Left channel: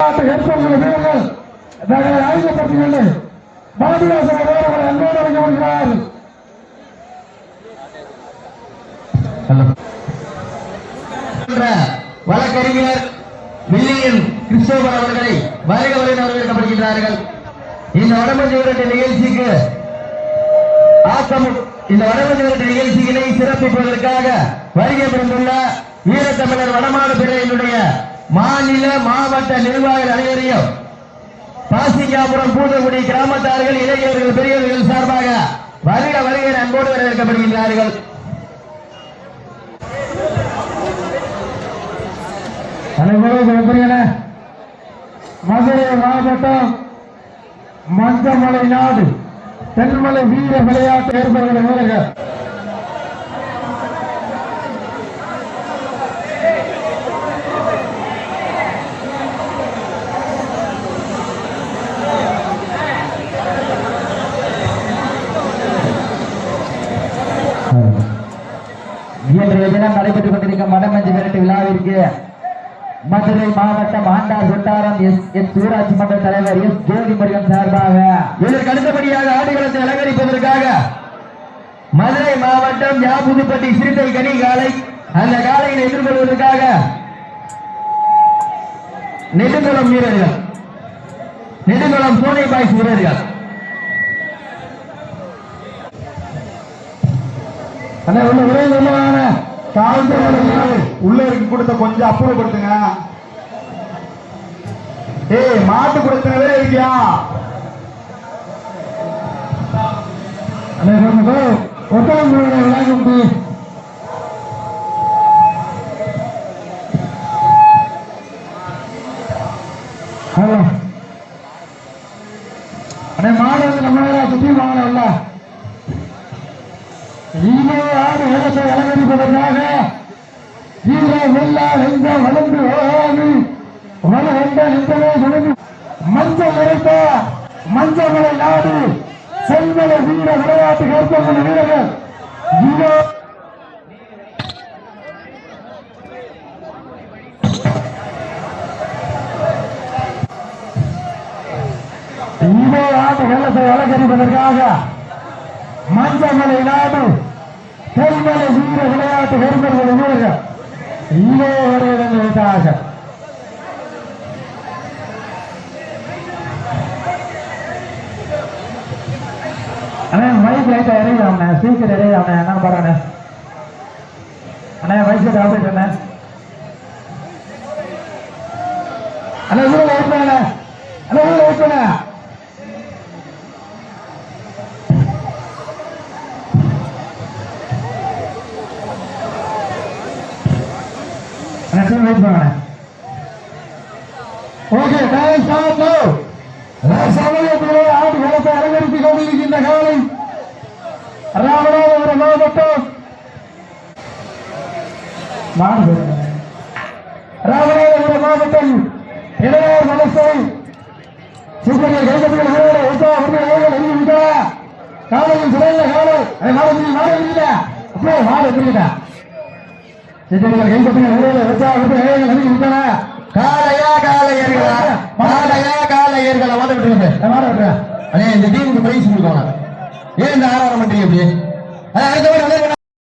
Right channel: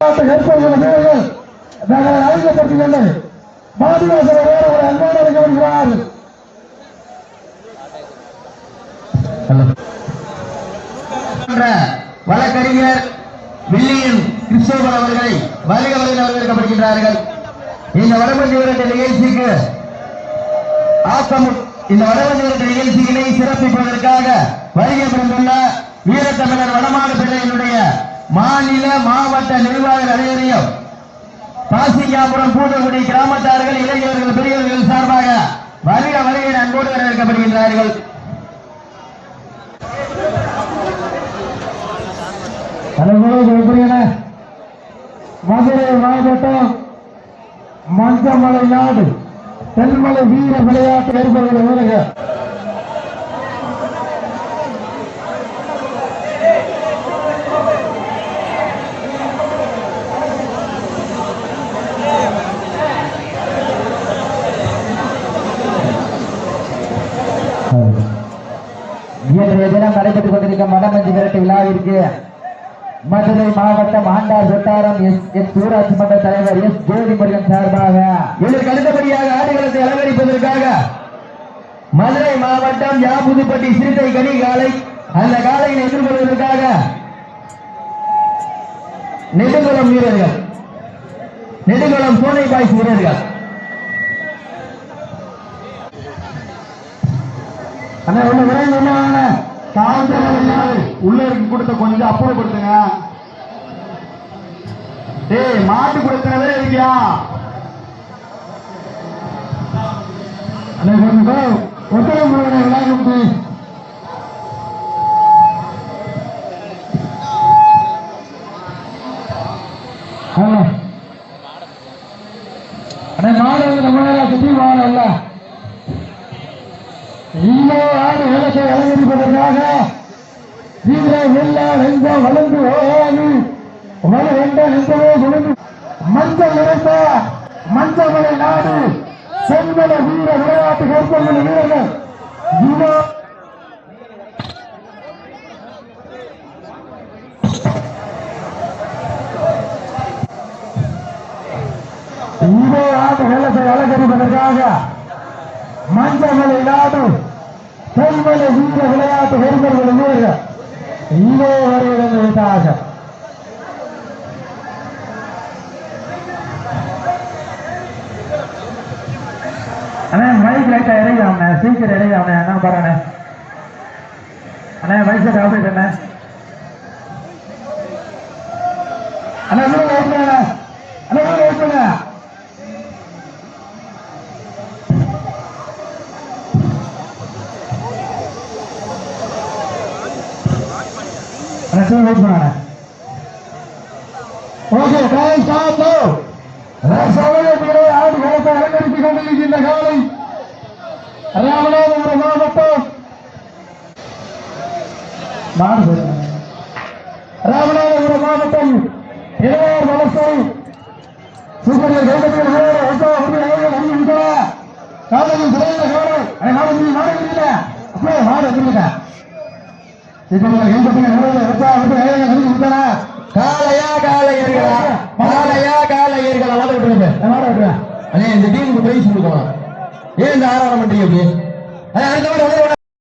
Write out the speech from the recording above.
வீரர்கள் நாங்கள் அன்போடு வழக்கறிஞர் கிறிஸ்தோபன் அவர்களை வருக வருக வரவேற்கப்படுகின்றார்கள் இந்த வடமஞ்சி விரட்டு நிகழ்ச்சிக்கு ஆக்கம் இந்த வடமஞ்சி விரட்டு நிகழ்ச்சிகளை சிறப்பிப்பதற்காக வருகை புரிந்துள்ள வீரத்தமிழர் வடமாடு பிள்ளையினுடைய மாநில மாவட்ட நிர்வாக அதிகாரியும் பாசிக்காபுரம் பூதகுடி கிராமத்தார்கள் இளைஞர்கள் பெரியவர்கள் சார்பாக வருட வருகை அன்போடு வரவேற்கப்படுகின்றார்கள். மதுரை மாவட்டம் மஞ்சமலை நாடு தென்மலை வீர விளையாட்டு ஏற்படுகிற வீரர்கள் இன்றைய தினம் நடைபெற்றுக் கொண்டிருக்கும் வடமஞ்சி விரட்டு விழாவிற்கு மதுரை மாவட்டம் ஆண்டார் கொட்டாரம் எஸ் எஸ் ஊராட்சி மன்ற தலைவர் எஸ் ஜோதி சார்பாக இதற்கு அடுத்தபடியாக ஆடுகளத்தை அலங்கரிப்பதற்காக மதுரை மாவட்டம் யாபுதுப்பட்டி சிறுத்தை கனி காலை அந்த காலையில் எதிர்கொள்வதற்காக நெடுங்குளம் வீரர்கள் நெடுங்குளம் சோனை பாய்ஸ் வீரர்கள். உள்ள விரைவு இருக்கு கொடுத்த கொஞ்சம் அப்புறப்படுத்துங்க ஏய் மாட்டு கொடுத்தனவே இருக்கியா? அண்ணா, நம்ம மாணவர்கள் நம்ம சுற்றி அலங்கரிப்பதற்காக வீர வெள்ளா வெஞ்ச வளர்ந்து ஓடாது வள வெண்ட நின்றவே சுழந்து மஞ்சள் நிறத்த மஞ்சமலை நாடு. செங்கல வீர விளையாட்டு ஏற்பட்டுள்ள வீரர்கள். ஈனோ ஈனோ ஆடு மஞ்சமலை நாடு. தென்மலை வீர விளையாட்டு பெருமர்கள் வீரர்கள். இங்கே வருவதாக அண்ணே மைக் லைட்டா இறங்கி அவனே ஸ்பீக்கர் இறங்கி அவனே என்ன பாருண்ணே அண்ணே மைக் செட் ஆப்ரேட் அண்ணே. அண்ணே வெயிட் பண்ண ஓகே டைம் ஸ்டாப் நோ சமயத்திலே ஆடு களத்தை அலங்கரித்துக் கொண்டிருக்கின்ற காலை ராமநாதபுரம் மாவட்டம் மாடு பேசுங்க. ராமநாதபுரம் மாவட்டம் இளையார் வலசை சிந்தனை கைகட்டிகள் வீரரை உத்தா உறுதி அவர்கள் அறிவிக்கின்றன காலையில் சிறையில் காலை ஏய், மாடு முடியும் மாடு முடியல அப்படியே மாடு முடியல சிந்தனைகள் கைகட்டிகள் காலையா உத்தா உறுதி அவர்கள் அறிவிக்கின்றன காளையா காளையர்களா விட்டுறேன் அதே இந்த டீமுக்கு பிரைஸ் கொடுக்கணும் ஏன் இந்த ஆராதனை பண்றீங்க அப்படி அடுத்த